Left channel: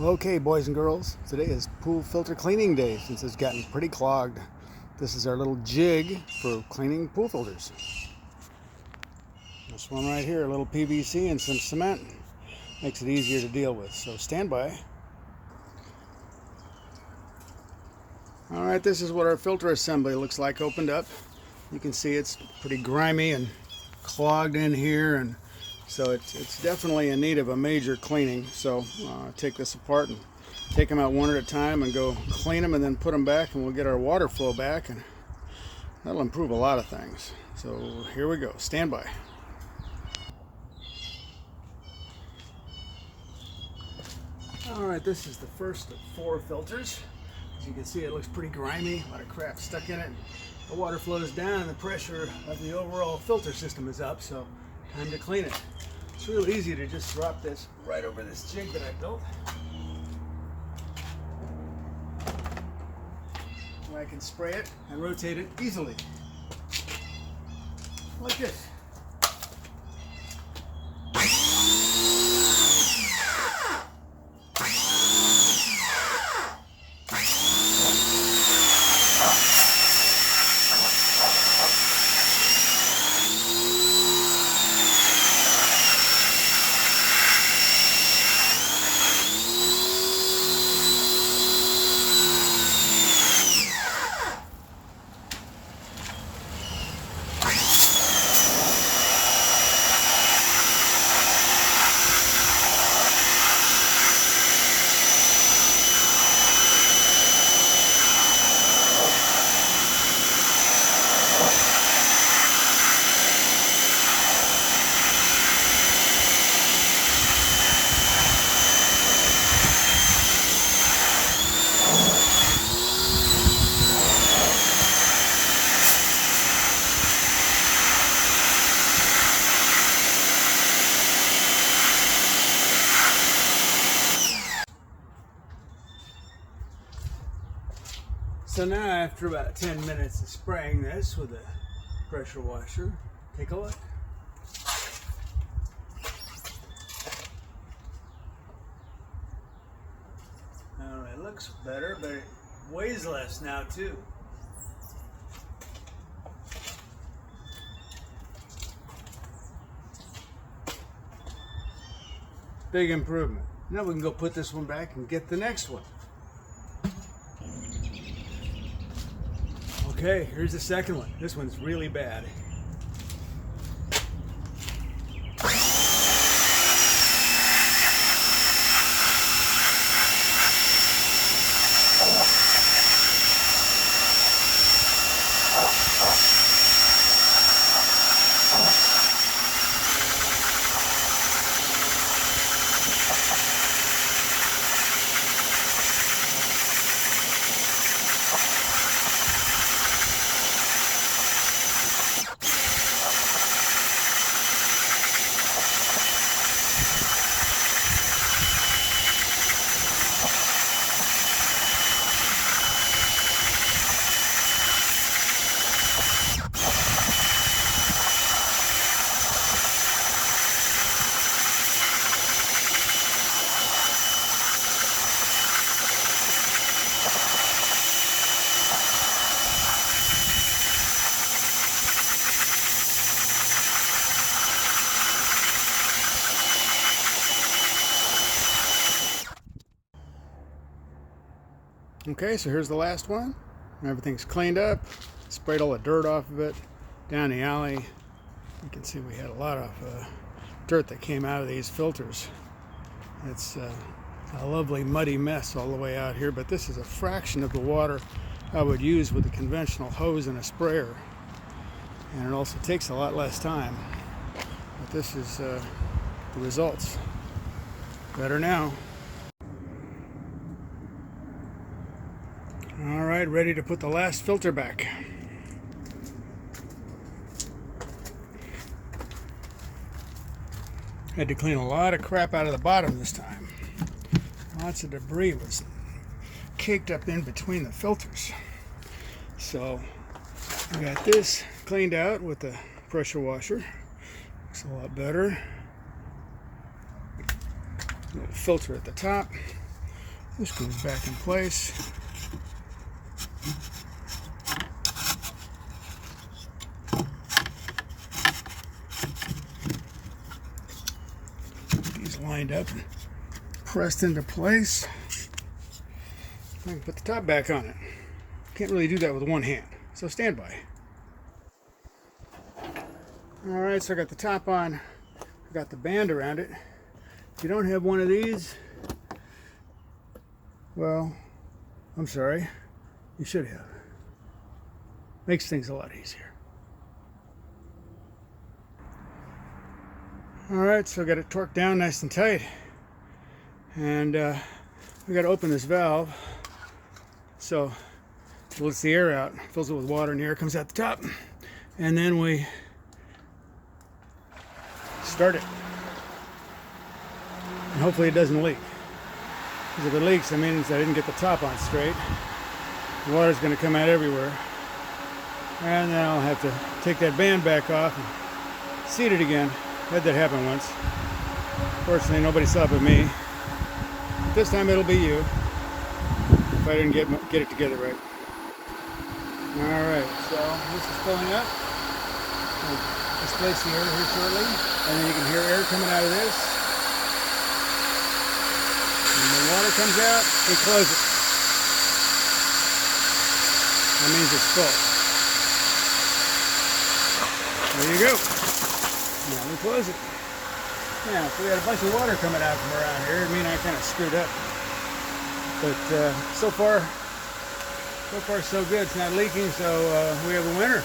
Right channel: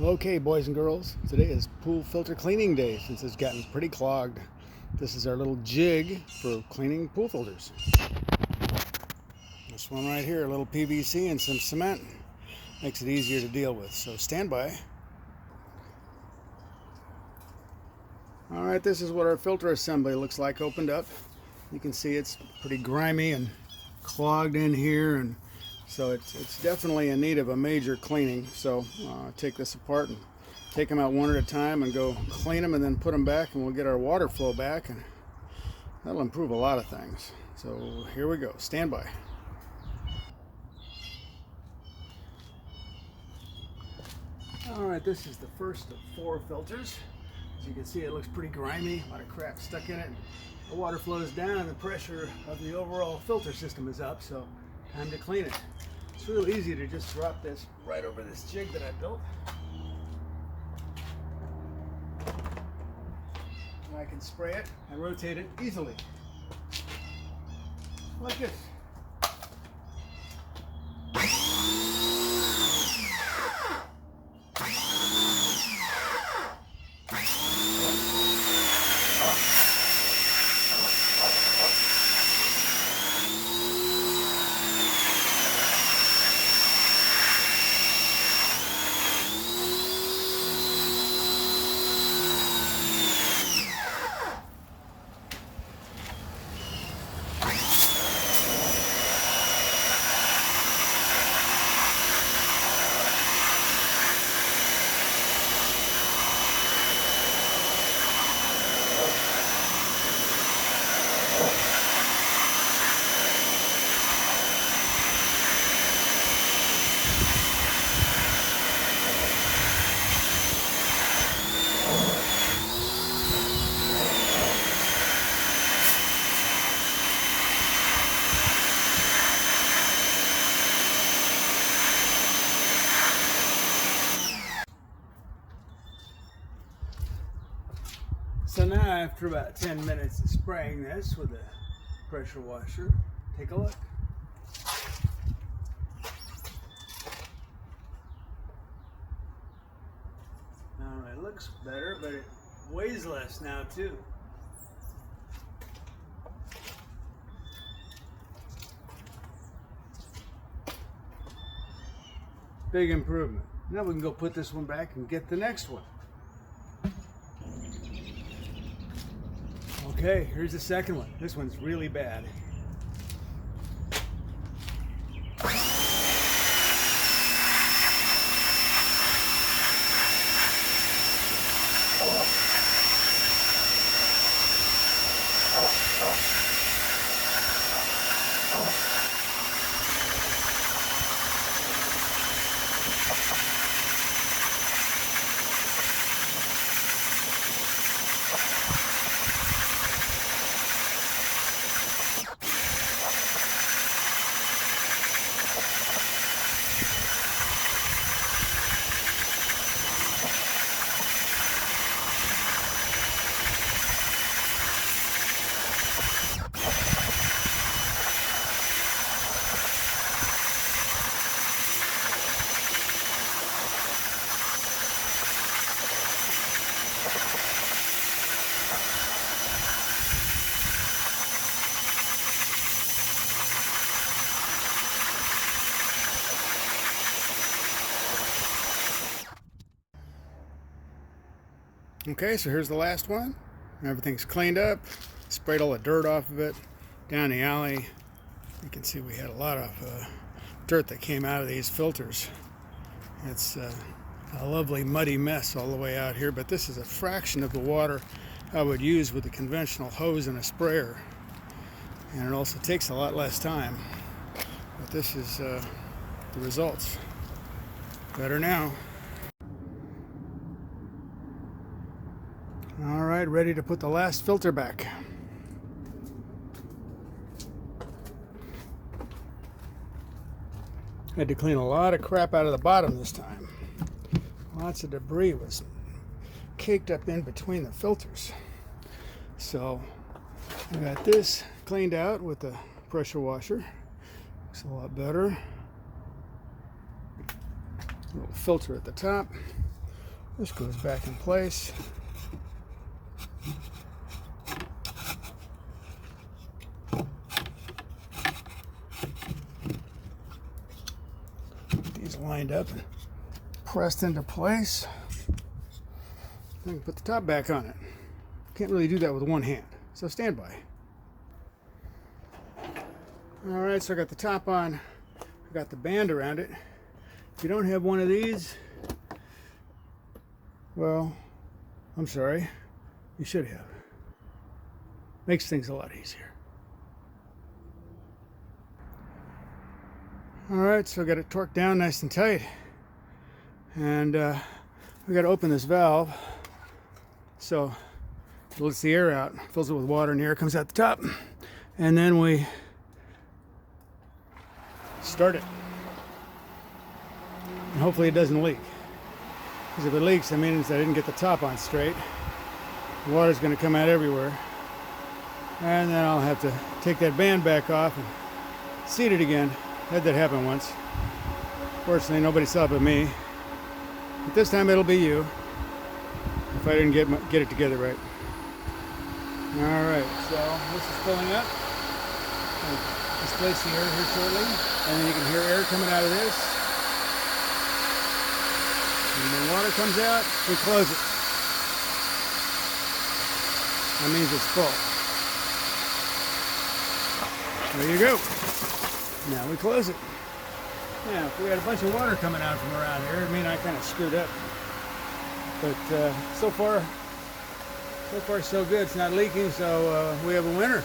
Okay, boys and girls, today is pool filter cleaning day since it's gotten pretty clogged. This is our little jig for cleaning pool filters. This one right here, a little PVC and some cement, makes it easier to deal with, so stand by. Alright, this is what our filter assembly looks like opened up. You can see it's pretty grimy and clogged in here, and so it's definitely in need of a major cleaning. So take this apart and take them out one at a time and go clean them, and then put them back, and we'll get our water flow back, and that'll improve a lot of things. So here we go. Stand by. Alright, this is the first of 4 filters. As you can see, it looks pretty grimy, a lot of crap stuck in it. The water flows down and the pressure of the overall filter system is up, so time to clean it. It's real easy to just drop this right over this jig that I built. And I can spray it and rotate it easily. Like this. So now, after about 10 minutes of spraying this with a pressure washer, take a look. It looks better, but it weighs less now too. Big improvement. Now we can go put this one back and get the next one. Okay, here's the second one. This one's really bad. Okay, so here's the last one. Everything's cleaned up, sprayed all the dirt off of it down the alley. You can see we had a lot of dirt that came out of these filters. It's a lovely muddy mess all the way out here, but this is a fraction of the water I would use with a conventional hose and a sprayer. And it also takes a lot less time. But this is the results. Better now. All right, ready to put the last filter back. Had to clean a lot of crap out of the bottom this time. Lots of debris was caked up in between the filters. So I got this cleaned out with the pressure washer. Looks a lot better. Little filter at the top. This goes back in place. These lined up, pressed into place. I can put the top back on it. Can't really do that with one hand, so stand by. Alright, so I got the top on. I got the band around it. If you don't have one of these, well, I'm sorry, you should have. Makes things a lot easier. Alright, so I got it torqued down nice and tight. And we got to open this valve. So it lets the air out, fills it with water, and the air comes out the top. And then we start it. And hopefully it doesn't leak. Because if it leaks, that means I didn't get the top on straight. The water's going to come out everywhere. And then I'll have to take that band back off and seat it again. I had that happen once. Fortunately, nobody saw it but me. But this time it'll be you. If I didn't get it together right. Alright, so this is filling up. I'll displace the air here shortly. And then you can hear air coming out of this. And when water comes out, we close it. That means it's full. There you go. Now we close it. Now, if we had a bunch of water coming out from around here, it'd mean I kind of screwed up. But so far so good. It's not leaking, so we have a winner.